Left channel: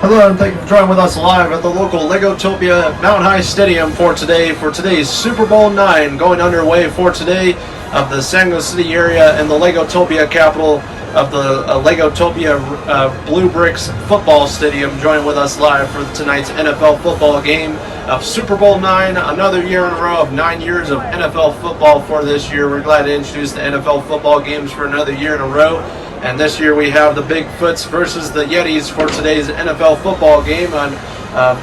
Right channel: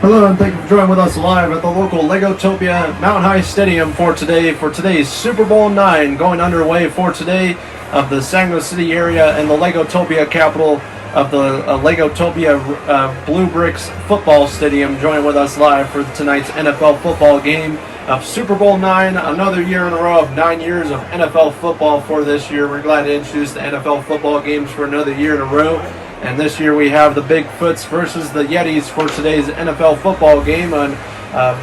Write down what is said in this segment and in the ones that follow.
Hello and thank you for joining with us live at the local Legotopia Mountain High Stadium for today's Super Bowl 9 going underway for today of the San Luis City area and the Legotopia capital of the Legotopia Blue Bricks football stadium. Join with us live for tonight's NFL football game of Super Bowl 9, another year in a row of 9 years of NFL football for this year. We're glad to introduce the NFL football games for another year in a row. And this year we have the Bigfoots versus the Yetis for today's NFL football game on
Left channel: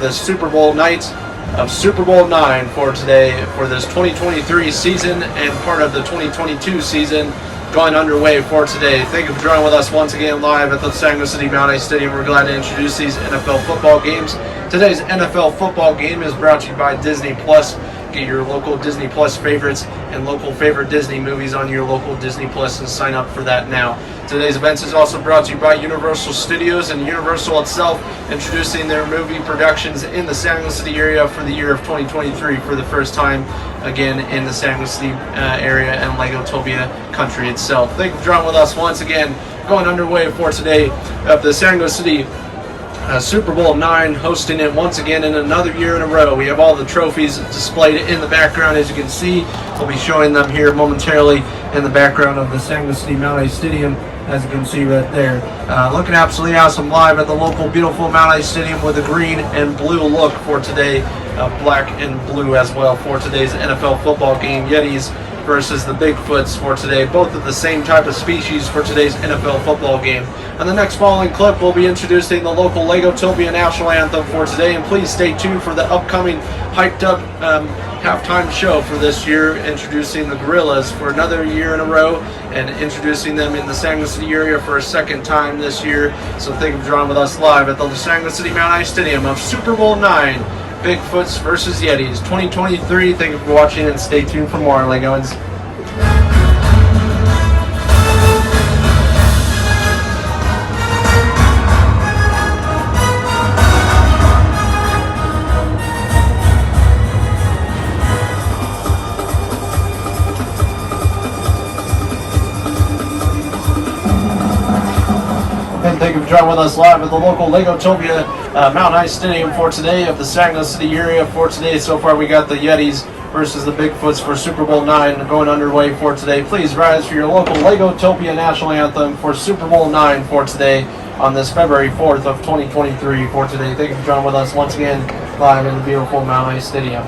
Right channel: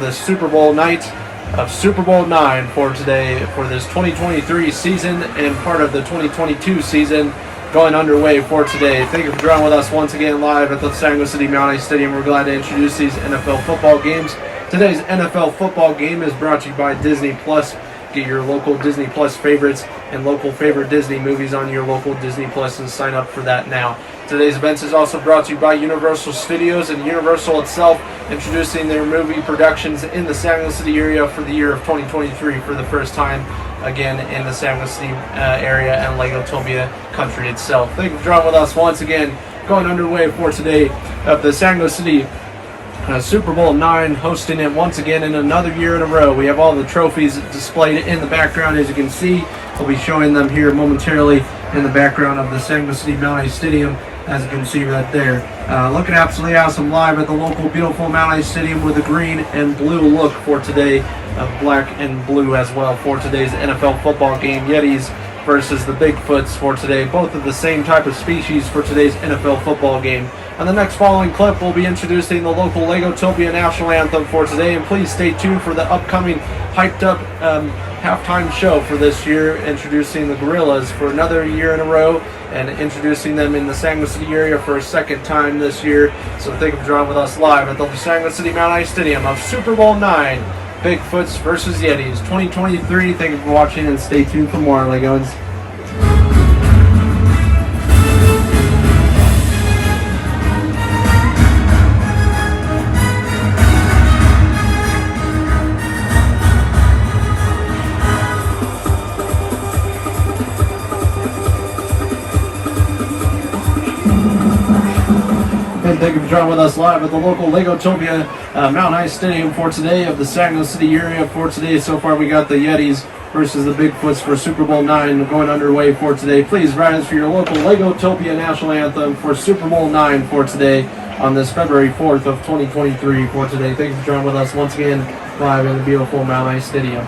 the Super Bowl night of Super Bowl 9 for today for this 2023 season and part of the 2022 season going underway for today. Thank you for joining with us once again live at the San Luis City Mountain High Stadium. We're glad to introduce these NFL football games. Today's NFL football game is brought to you by Disney Plus. Get your local Disney Plus favorites and local favorite Disney movies on your local Disney Plus and sign up for that now. Today's events is also brought to you by Universal Studios and Universal itself, introducing their movie productions in the San Luis City area for the year of 2023 for the first time again in the San Luis City area and Legotopia country itself. Thank you for joining with us once again, going underway for today of the San Luis City Super Bowl 9, hosting it once again in another year in a row. We have all the trophies displayed in the background, as you can see. We'll be showing them here momentarily in the background of the San Luis City Mountain High Stadium, as you can see right there. Looking absolutely awesome live at the local beautiful Mountain High Stadium with a green and blue look for today, black and blue as well for today's NFL football game. Yetis versus the Bigfoots for today, both of the same type of species for today's NFL football game. On the next following clip, we'll be introducing the local Legotopia national anthem for today, and please stay tuned for the upcoming hyped up halftime show for this year, introducing the Gorillas for another year in a row and introducing them in the San Luis City area for a second time this year. So thank you for joining with us live at the San Luis City Mountain High Stadium of Super Bowl 9, Bigfoots versus Yetis 2023. Thank you for watching and stay tuned for more, Legoans. Thank you for joining with us live at the local Legotopia Mountain High Stadium for today of the San Luis City area for today. So far we got the Yetis versus the Bigfoots for Super Bowl 9 going underway for today. Please rise for your local Legotopia national anthem for Super Bowl 9 for today on this February 4th of 2023 for today. Thank you for joining with us once again live in the beautiful Mountain High Stadium.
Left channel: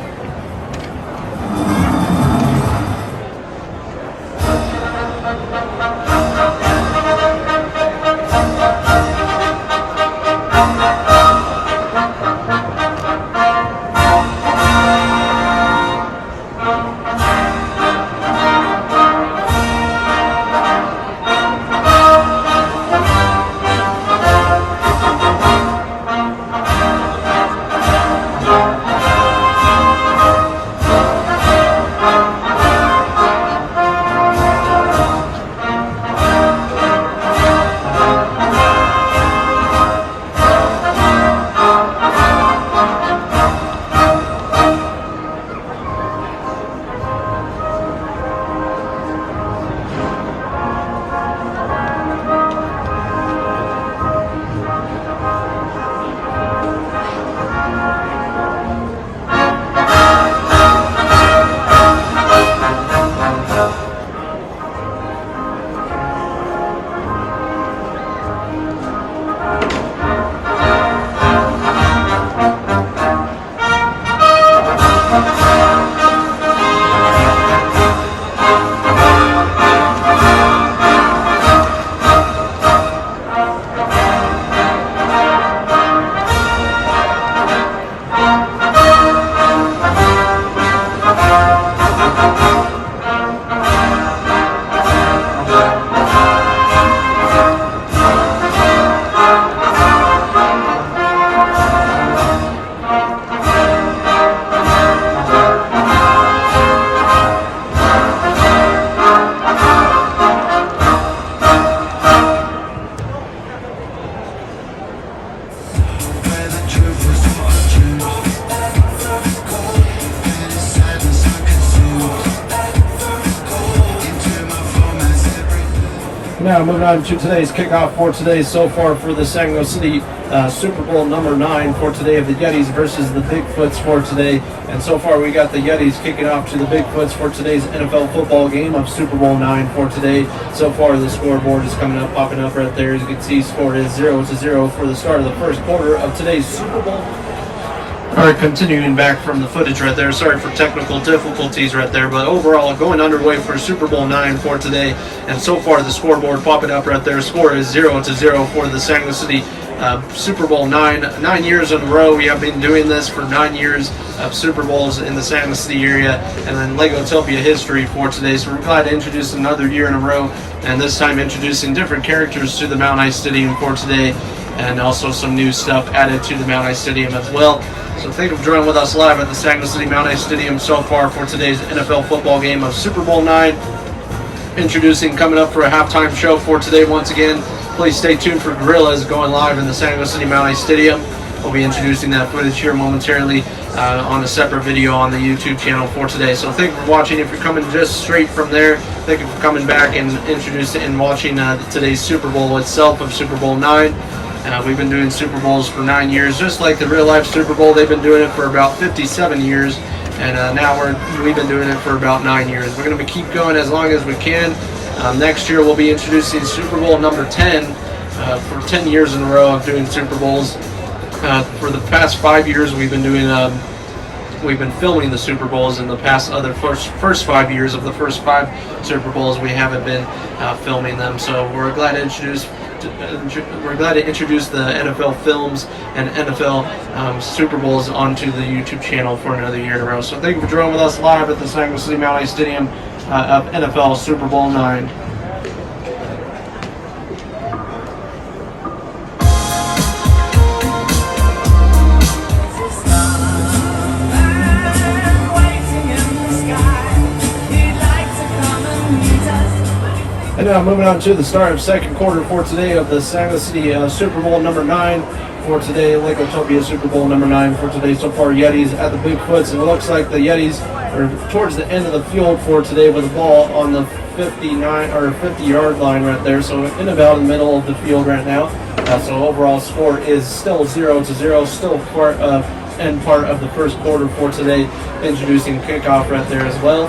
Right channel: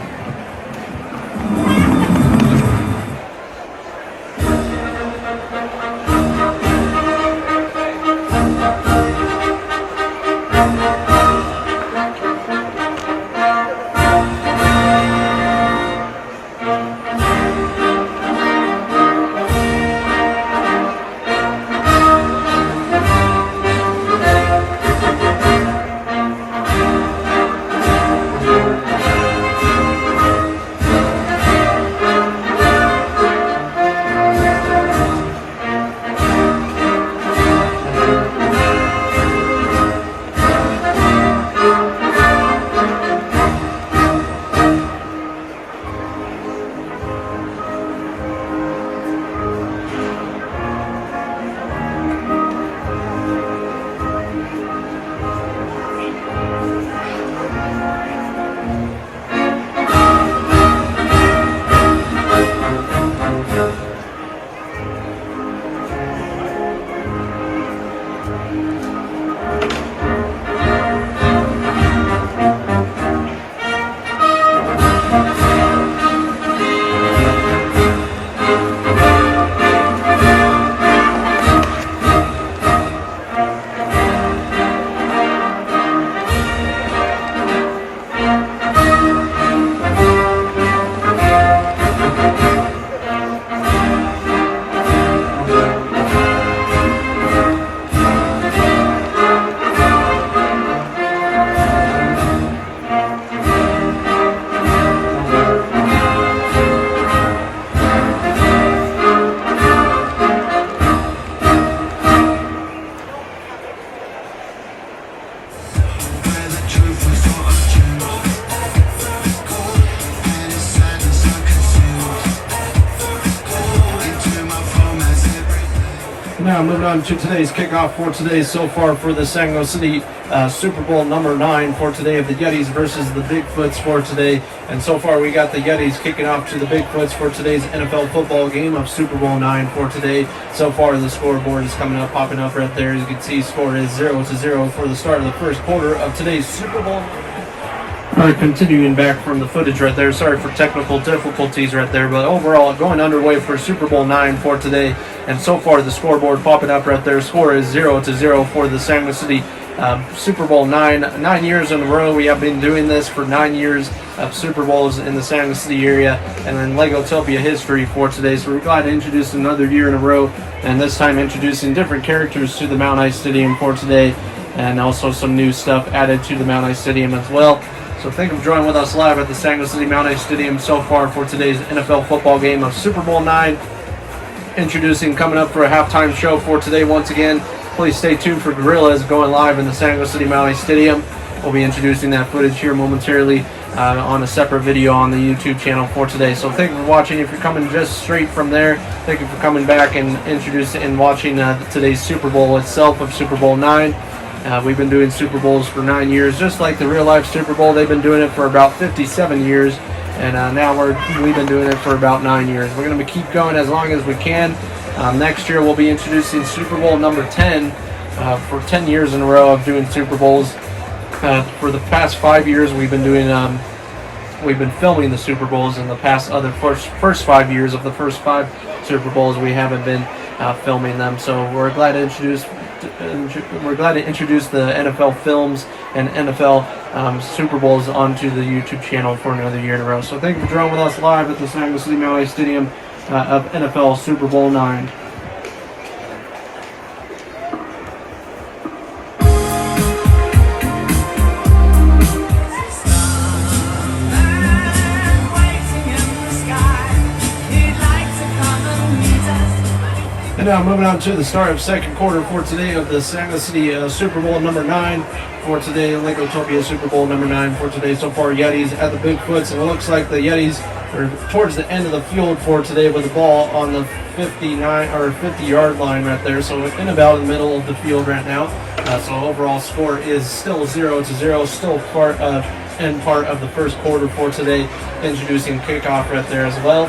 now moving on to today's kickoff for today so far for the San Luis City Super Bowl number 9 for today of the Yetis versus the Bigfoots for today. And so far we got the Yetis kicking off to the Bigfoots for today's NFL football game of Super Bowl 9 for today. So far the scoreboard is coming up, popping up right there. As you can see, score is 0-0 for the start of the first quarter of today's Super Bowl. All right, continuing back from the footage right there. Sorry for technical difficulties right there, but overall going underway for Super Bowl 9 for today. And so far the scoreboard popping up right there. Score is 0-0 for the San Luis City Super Bowl 9. 9 years in a row. We have been doing this for 9 years of Super Bowls in the San Luis City area, and then Legotopia history for today. So we're glad to introduce another year in a row, and this time introducing different characters to the Mount High Stadium for today, and also some new stuff added to the Mount High Stadium as well. So thank you for joining with us live at the San Luis City Mount High Stadium so far for today's NFL football game of Super Bowl 9. Introducing, coming up for a halftime show for today once again. Please stay tuned for Gorillas going live in the San Luis City Mount High Stadium. We'll be introducing that footage here momentarily on a separate video on the YouTube channel for today. So thank you for watching. If you're coming just straight from there, thank you for coming back and introducing and watching today's Super Bowl itself of Super Bowl 9. We've been doing Super Bowls for 9 years, just like the real life Super Bowl. They've been doing it for about 57 years, and now we've been doing it for about 9 years. We're going to keep going as long as we can. Next year we'll be introducing Super Bowl number 10 for 10 years in a row of doing Super Bowls. For the past 5 years we've been doing we've been filming the Super Bowls. In the past first 5 years of the first 5 Super Bowls we haven't been filming them. So we're glad to introduce the NFL films and NFL Super Bowls onto the YouTube channel for another year in a row. So thank you for joining with us live at the San Luis City Mount High Stadium of NFL Super Bowl 9. And now moving on to the start of second quarter for today of the San Luis City Super Bowl number 9 for today. Legotopia Super Bowl number 9 for today. So far Yetis at the Bigfoots, and it looks like the Yetis are towards the end of the field for today with the ball on the 50-yard line right there. So in about the middle of the field right now. So overall score is still 0-0, still end part of the first quarter for today. Introducing kickoff right there as well.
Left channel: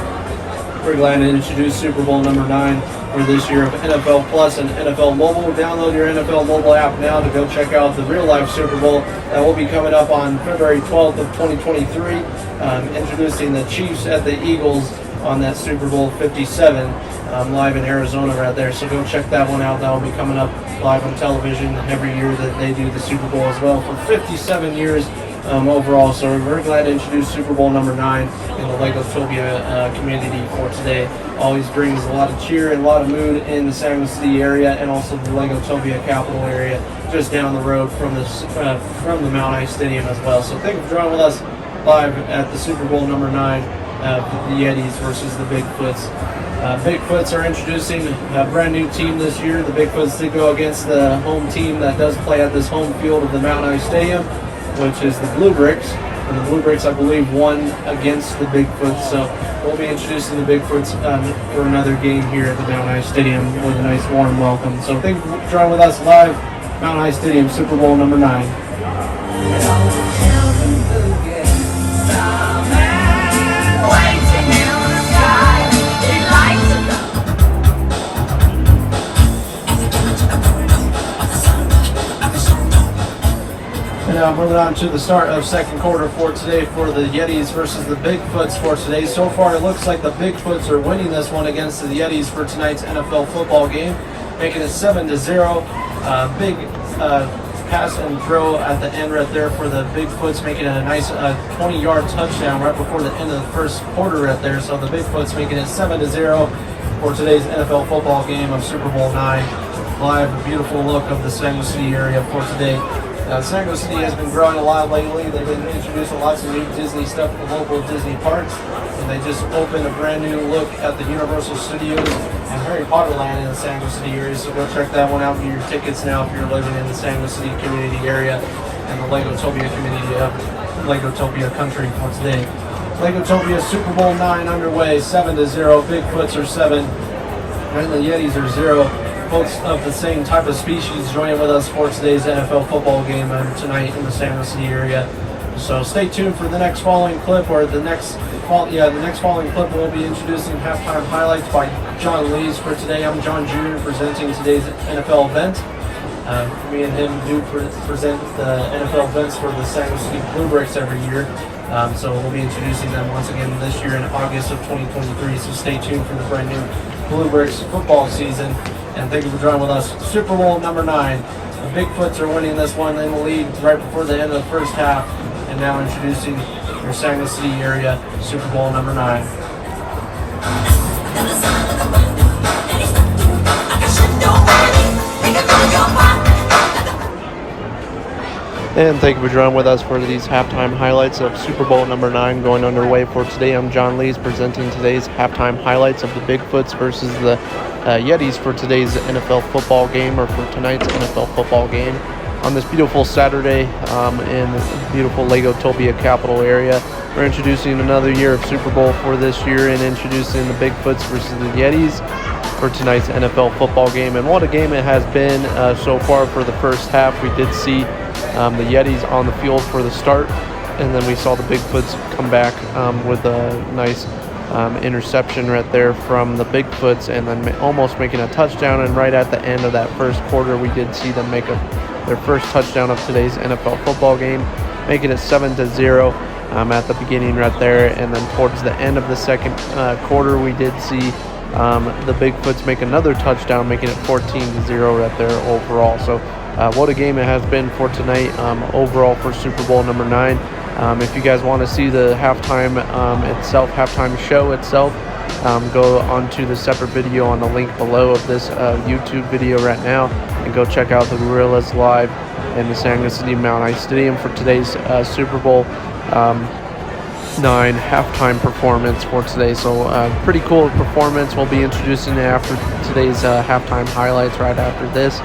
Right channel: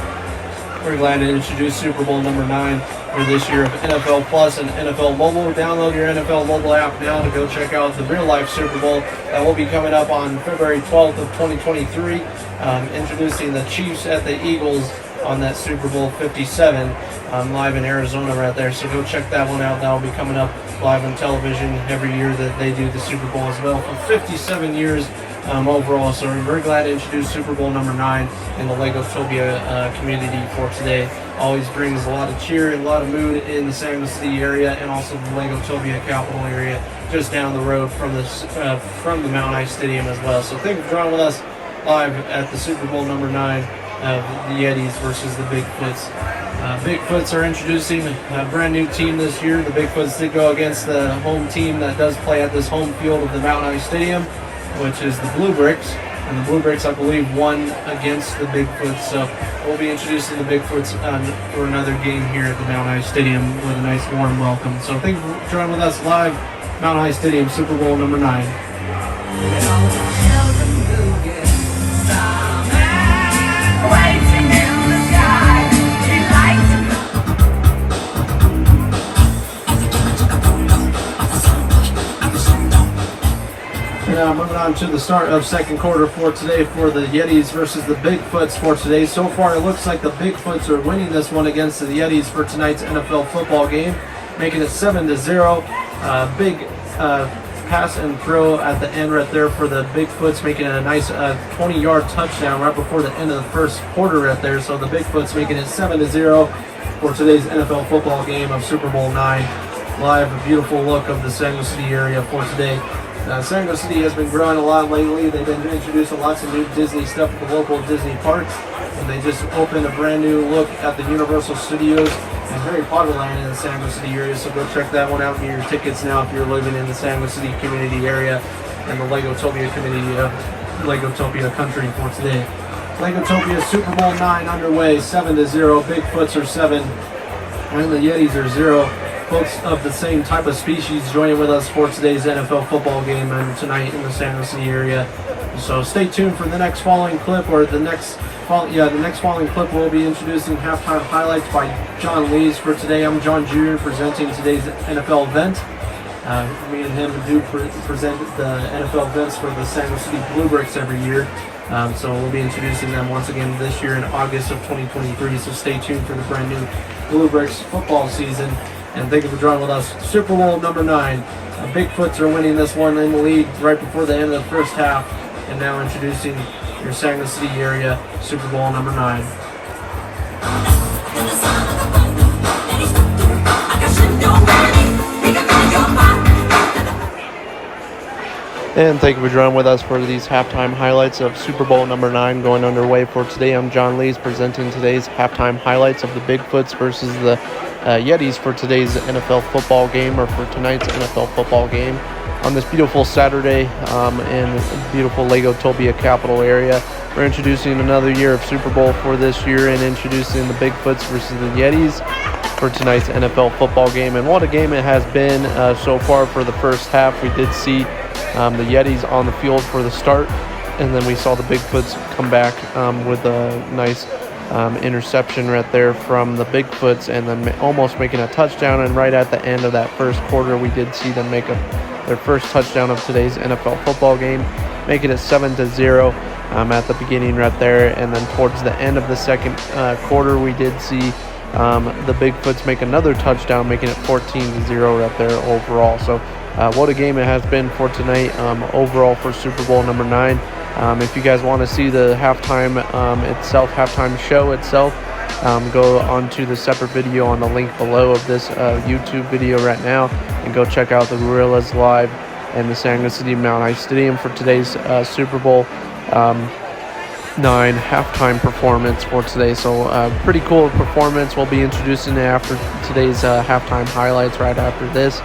We're glad to introduce Super Bowl number 9 for this year of NFL Plus and NFL Mobile. Download your NFL Mobile app now to go check out the real life Super Bowl that will be coming up on February 12th of 2023. Introducing the Chiefs at the Eagles on that Super Bowl 57 live in Arizona right there. So go check that one out. That will be coming up live on television every year that they do the Super Bowl as well for 57 years. Overall, so we're very glad to introduce Super Bowl number 9 in the Legotopia community for today. Always brings a lot of cheer and a lot of mood in the San Luis City area, and also the Legotopia capital area just down the road from the Mount High Stadium as well. So thank you for joining with us live at the Super Bowl number 9 of the Yetis versus the Bigfoots. Bigfoots are introducing a brand new team this year. The Bigfoots did go against the home team that does play at this home field of the Mount High Stadium, which is the Blue Bricks. And the Blue Bricks, I believe, won against the Bigfoots. So we'll be introducing the Bigfoots for another game here at the Mount High Stadium with a nice warm welcome. So thank you for joining with us live, Mount High Stadium, Super Bowl number 9. Moving on to the start of second quarter for today for the Yetis versus the Bigfoots for today. So far, it looks like the Bigfoots are winning this one against the Yetis for tonight's NFL football game, making it 7-0. Big pass and throw at the end right there for the Bigfoots, making a nice 20-yard touchdown right before the end of the first quarter right there. So the Bigfoots making it 7-0 for today's NFL football game of Super Bowl 9. Live, a beautiful look of the San Luis City area for today. San Luis City has been growing a lot lately. They've been introducing lots of new Disney stuff at the local Disney parks. And they just opened a brand new look at the Universal Studios and Harry Potter Land in the San Luis City area. So go check that one out. Get your tickets now if you're living in the San Luis City community area and the Legotopia community of Legotopia country for today. Legotopia Super Bowl 9 underway, 7-0. Bigfoots are 7, and the Yetis are 0. both of the same type of species, joining with us for today's NFL football game tonight in the San Jose City area. So stay tuned for the next following clip, or the next following clip. We'll be introducing halftime highlights by John Lees for today. I'm John Jr. presenting today's NFL event. Me and him do present the NFL events for the San Jose City Bluebricks every year. So we'll be introducing them once again this year in August of 2023. So stay tuned for the brand new Bluebricks football season. And thank you for joining with us. Super Bowl number 9. The Bigfoots are winning this one in the lead right before the end of the first half. And now introducing your San Jose City area Super Bowl number 9. And thank you for joining with us for these halftime highlights of Super Bowl number 9 going underway for today. I'm John Lees presenting today's halftime highlights of the Bigfoots versus the Yetis for today's NFL football game, or for tonight's NFL football game on this beautiful Saturday in the beautiful Legotopia capital area. We're introducing another year of Super Bowl for this year and introducing the Bigfoots versus the Yetis for tonight's NFL football game. And what a game it has been so far for the first half. We did see the Yetis on the field for the start, and then we saw the Bigfoots come back with a nice interception right there from the Bigfoots, and then almost making a touchdown. And right at the end of that first quarter, we did see them make their first touchdown of today's NFL football game, making it 7-0 at the beginning right there. And then towards the end of the second quarter, we did see the Bigfoots make another touchdown, making it 14-0 right there overall. So what a game it has been for tonight overall for Super Bowl number 9. If you guys want to see the halftime show itself, go onto the separate video on the link below of this YouTube video right now, and go check out the Gorillas live in the San Jose City Mount High Stadium for today's Super Bowl 9 halftime performance for today. So pretty cool performance. We'll be introducing it after today's halftime highlights right after this.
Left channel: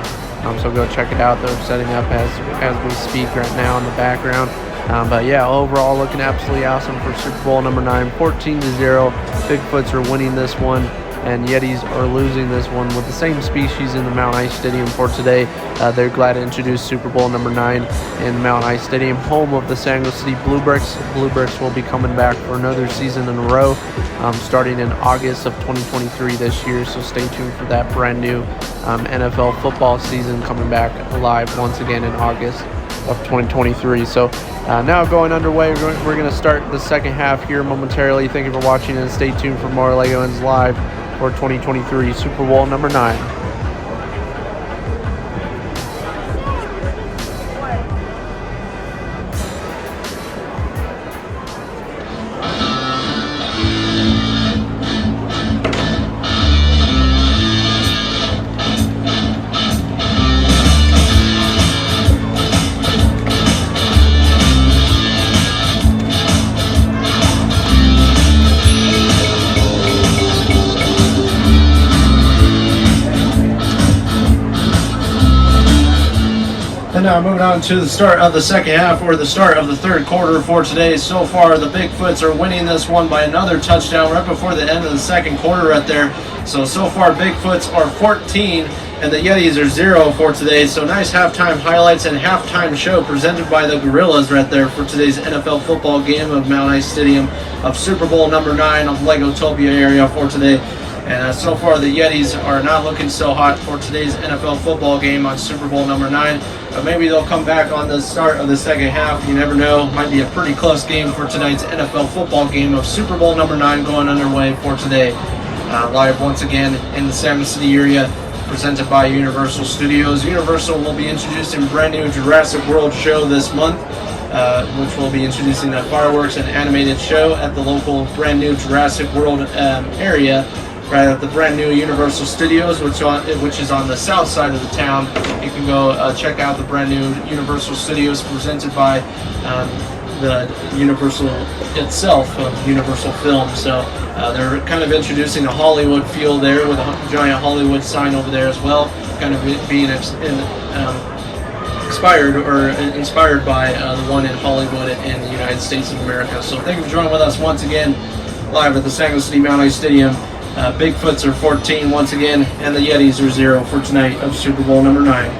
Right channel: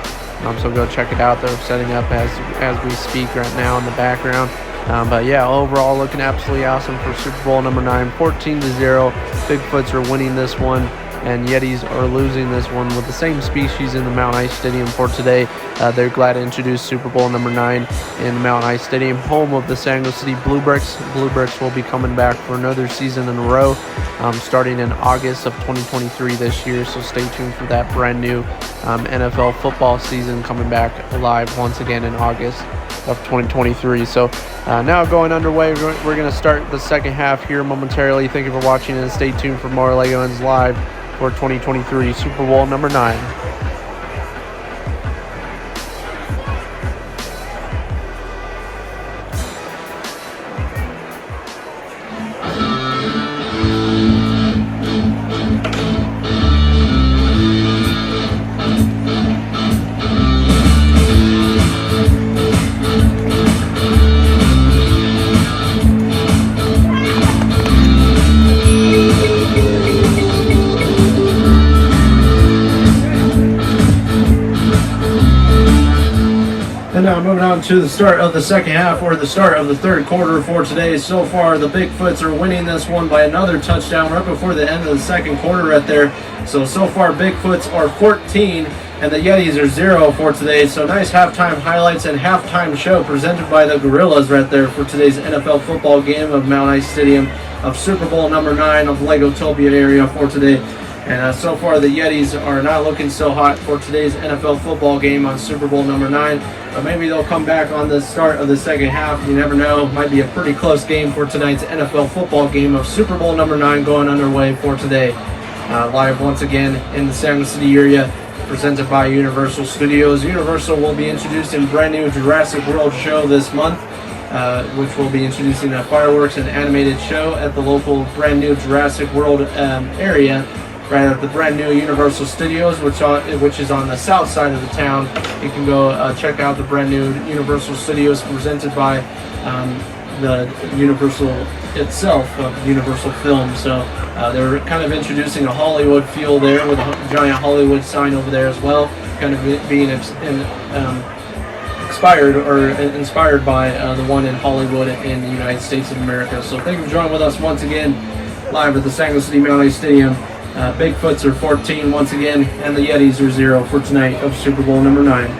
So go check it out. They're setting up as we speak right now in the background. But yeah, overall looking absolutely awesome for Super Bowl number 9, 14-0. Bigfoots are winning this one, and Yetis are losing this one with the same species in the Mount High Stadium for today. They're glad to introduce Super Bowl number 9 in the Mount High Stadium, home of the San Jose City Bluebricks. Bluebricks will be coming back for another season in a row, starting in August of 2023 this year. So stay tuned for that brand new NFL football season coming back live once again in August of 2023. So now going underway, we're going to start the second half here momentarily. Thank you for watching, and stay tuned for more Lego Ends Live for 2023 Super Bowl number 9. Now moving on to the start of the second half, or the start of the third quarter for today. So far, the Bigfoots are winning this one by another touchdown right before the end of the second quarter right there. So far, Bigfoots are 14 and the Yetis are 0 for today. So nice halftime highlights and halftime show presented by the Gorillas right there for today's NFL football game of Mount High Stadium of Super Bowl number 9 of Legotopia area for today. And so far, the Yetis are not looking so hot for today's NFL football game on Super Bowl number 9. Maybe they'll come back on the start of the second half. You never know. Might be a pretty close game for tonight's NFL football game of Super Bowl number 9 going underway for today. Live once again in the San Jose City area, presented by Universal Studios. Universal will be introducing a brand new Jurassic World show this month, which will be introducing a fireworks and animated show at the local brand new Jurassic World area, right at the brand new Universal Studios, which is on the south side of the town. You can go check out the brand new Universal Studios presented by the Universal itself, Universal Films. So they're kind of introducing a Hollywood feel there with a giant Hollywood sign over there as well, kind of being inspired by the one in Hollywood in the United States of America. So thank you for joining with us once again live at the San Jose City Mount High Stadium Bigfoots are 14 once again, and the Yetis are 0 for tonight of Super Bowl number 9.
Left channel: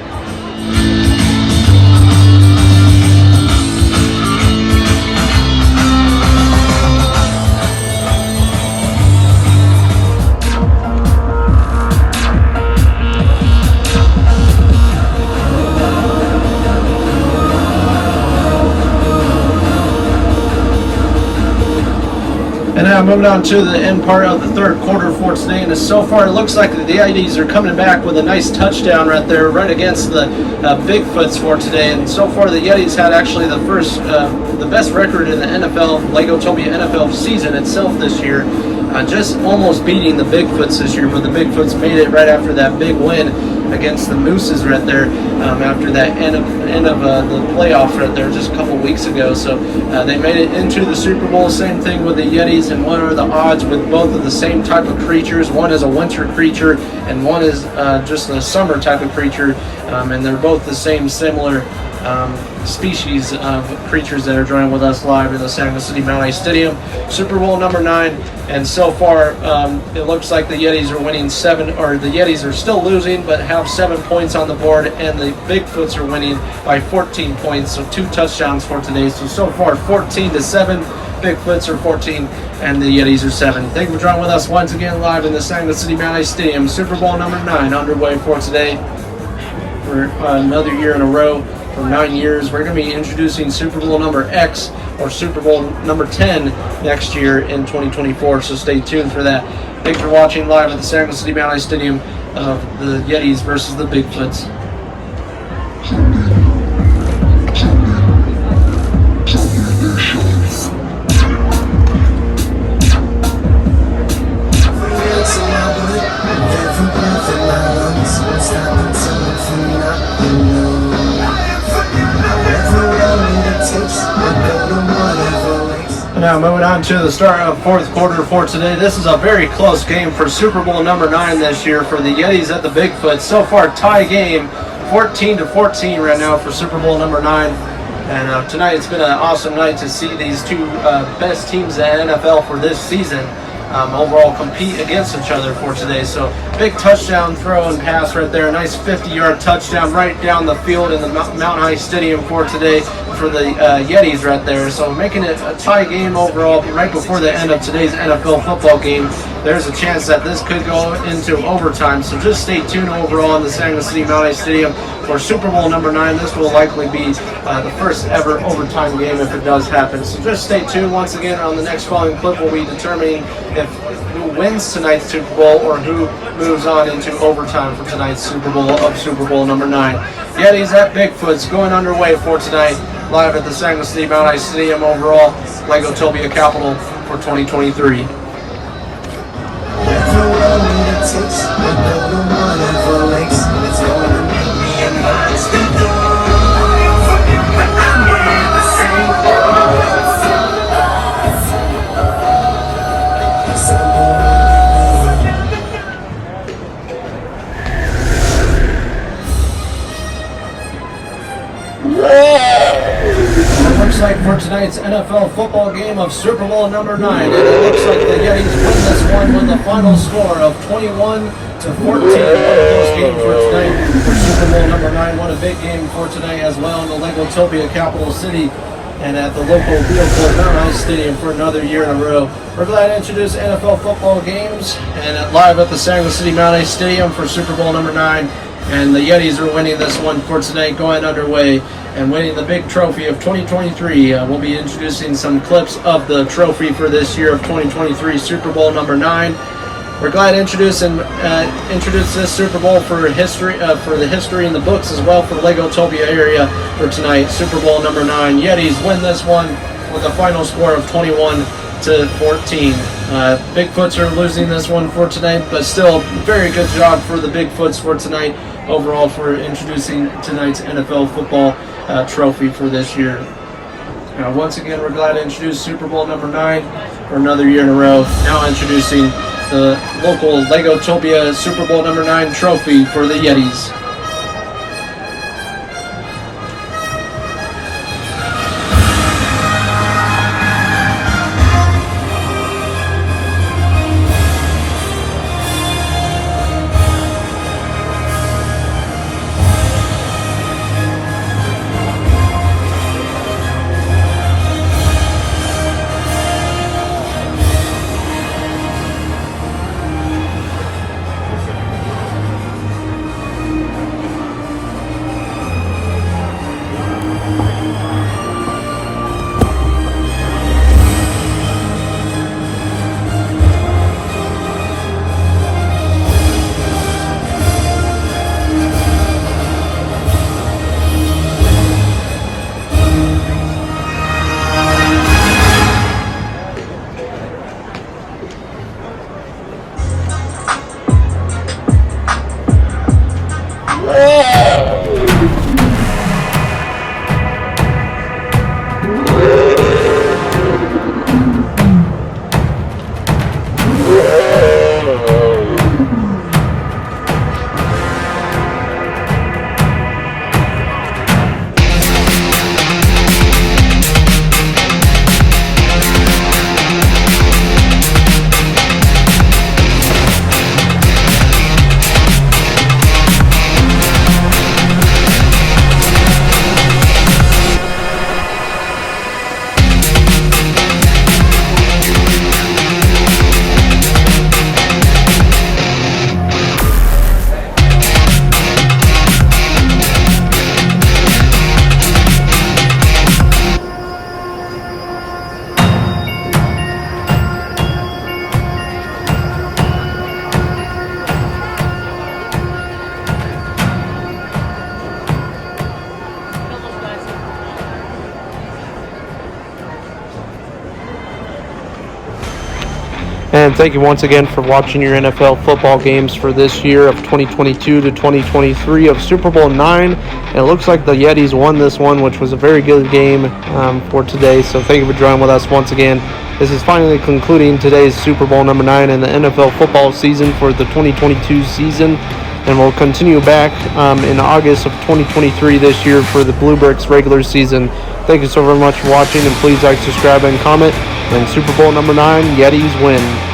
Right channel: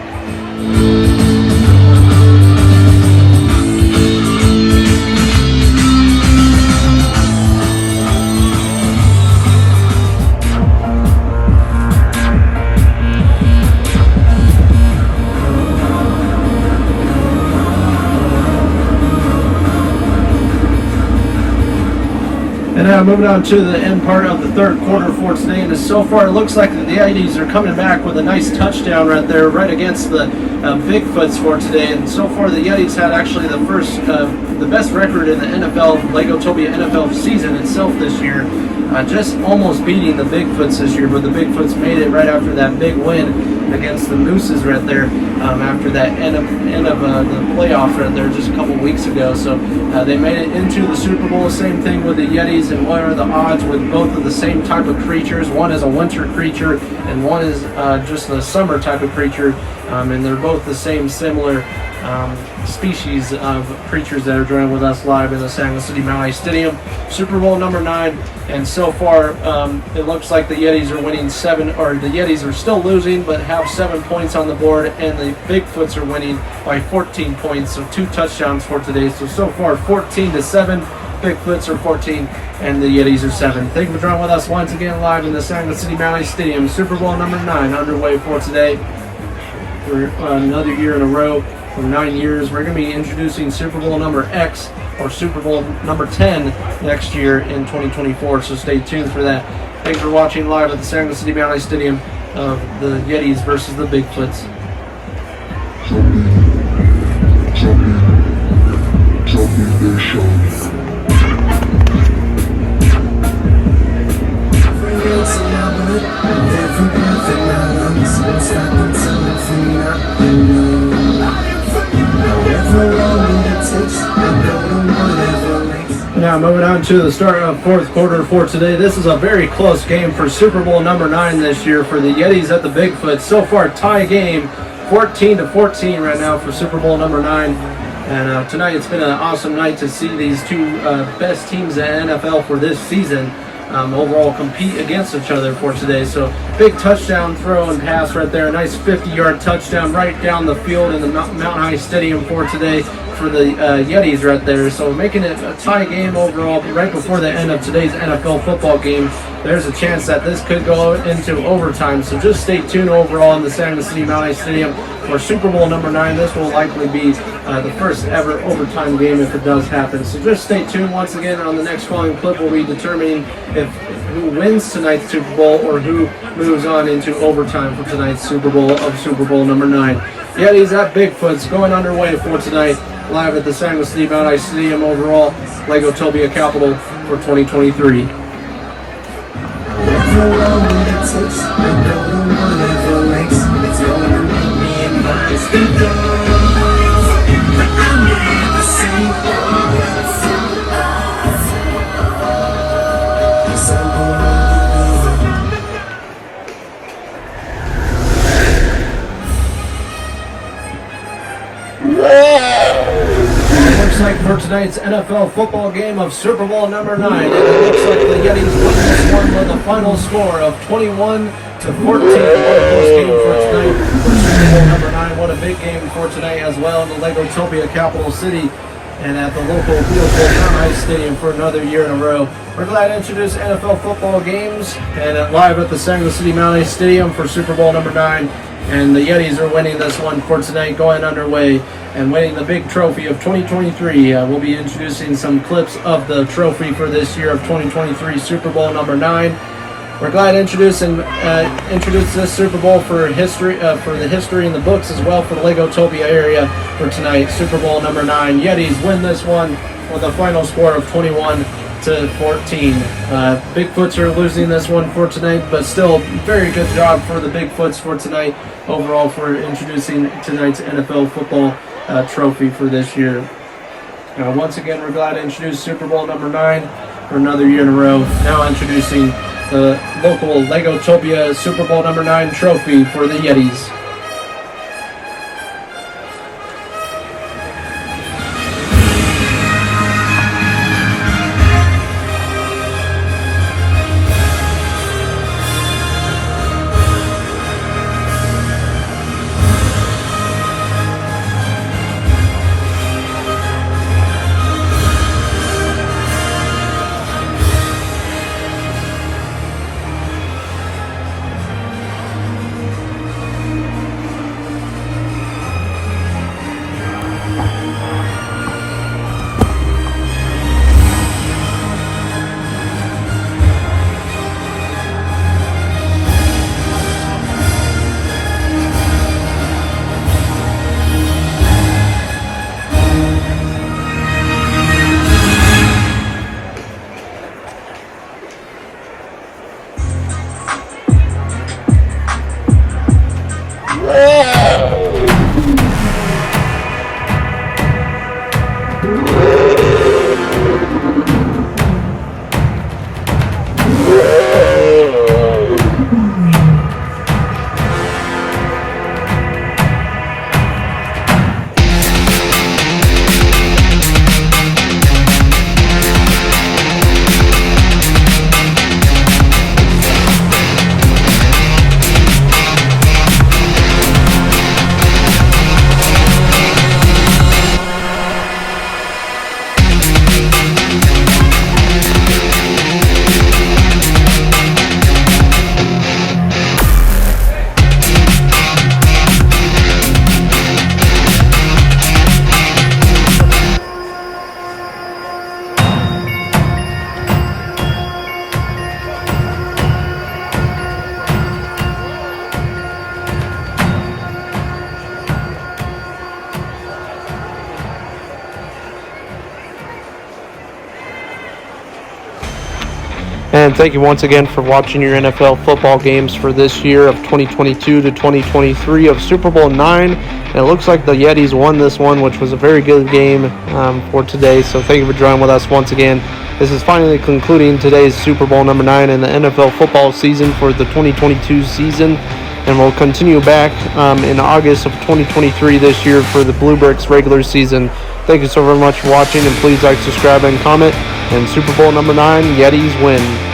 And now moving on to the end part of the third quarter for today, and so far it looks like the Yetis are coming back with a nice touchdown right there, right against the Bigfoots for today. And so far the Yetis had actually the best record in the NFL, Legotopia NFL season itself this year, just almost beating the Bigfoots this year, but the Bigfoots made it right after that big win against the Mooses right there, after that end of the playoffs right there just a couple weeks ago. So they made it into the Super Bowl. Same thing with the Yetis. And what are the odds with both of the same type of creatures? One is a winter creature and one is just a summer type of creature, and they're both the same similar species of creatures that are joining with us live in the San Luis City Mount Stadium, Super Bowl number 9. And so far it looks like the Yetis are winning the Yetis are still losing but have 7 points on the board, and the Bigfoots are winning by 14 points, so 2 touchdowns for today. So far 14-7, Bigfoots are 14 and the Yetis are 7. Thank you for joining with us once again live in the San Luis City Mount Stadium, Super Bowl number 9 underway for today for another year in a row. For 9 years, we're going to be introducing Super Bowl number X or Super Bowl number 10 next year in 2024, so stay tuned for that. Thanks for watching live at the San Luis City Mount Stadium of the Yetis versus the Bigfoots. Now moving on to the start of fourth quarter for today. This is a very close game for Super Bowl number 9 this year for the Yetis at the Bigfoots. So far tie game, 14-14 right now for Super Bowl number 9. And tonight it's been an awesome night to see these two best teams in NFL for this season overall compete against each other for today. So big touchdown throw and pass right there. Nice 50-yard touchdown right down the field in the Mountain High Stadium for today for the Yetis right there. So making it a tie game overall right before the end of today's NFL football game. There's a chance that this could go into overtime. So just stay tuned overall in the San Luis City Mount Stadium for Super Bowl number 9. This will likely be the first ever overtime game if it does happen. So just stay tuned. Once again, on the next following clip, we'll be determining who wins tonight's Super Bowl or who moves on into overtime for tonight's Super Bowl of Super Bowl number 9. Yetis at Bigfoots going underway for tonight, live at the San Luis City Mount Stadium overall, Legotopia capital for 2023. Looks like for tonight's NFL football game of Super Bowl number 9, it looks like the Yetis win this one with a final score of 21-14. What a close game for tonight for Super Bowl number 9. What a big game for today as well in the Legotopia capital city and at the local Mountain High Stadium for another year in a row. We're glad to introduce NFL football games and live at the San Luis City Mount Stadium for Super Bowl number 9. And the Yetis are winning this one for tonight, going underway and winning the big trophy of 2023. We'll be introducing some clips of the trophy for this year of 2023 Super Bowl number 9. We're glad to introduce this Super Bowl for history, for the history in the books as well for the Legotopia area for tonight. Super Bowl number 9. Yetis win this one with a final score of 21-14. Bigfoots are losing this one for tonight, but still very good job for the Bigfoots for tonight overall for introducing tonight's NFL football trophy for this year. Once again, we're glad to introduce Super Bowl number 9 for another year in a row. Now introducing the local Legotopia Super Bowl number 9 trophy for the Yetis. And thank you once again for watching your NFL football games for this year of 2022 to 2023 of Super Bowl IX. And it looks like the Yetis won this one, which was a very good game for today. So thank you for joining with us once again. This is finally concluding today's Super Bowl number 9 in the NFL football season for the 2022 season. And we'll continue back in August of 2023 this year for the Blue Bricks regular season. Thank you so very much for watching, and please like, subscribe, and comment. And Super Bowl number 9, Yetis win.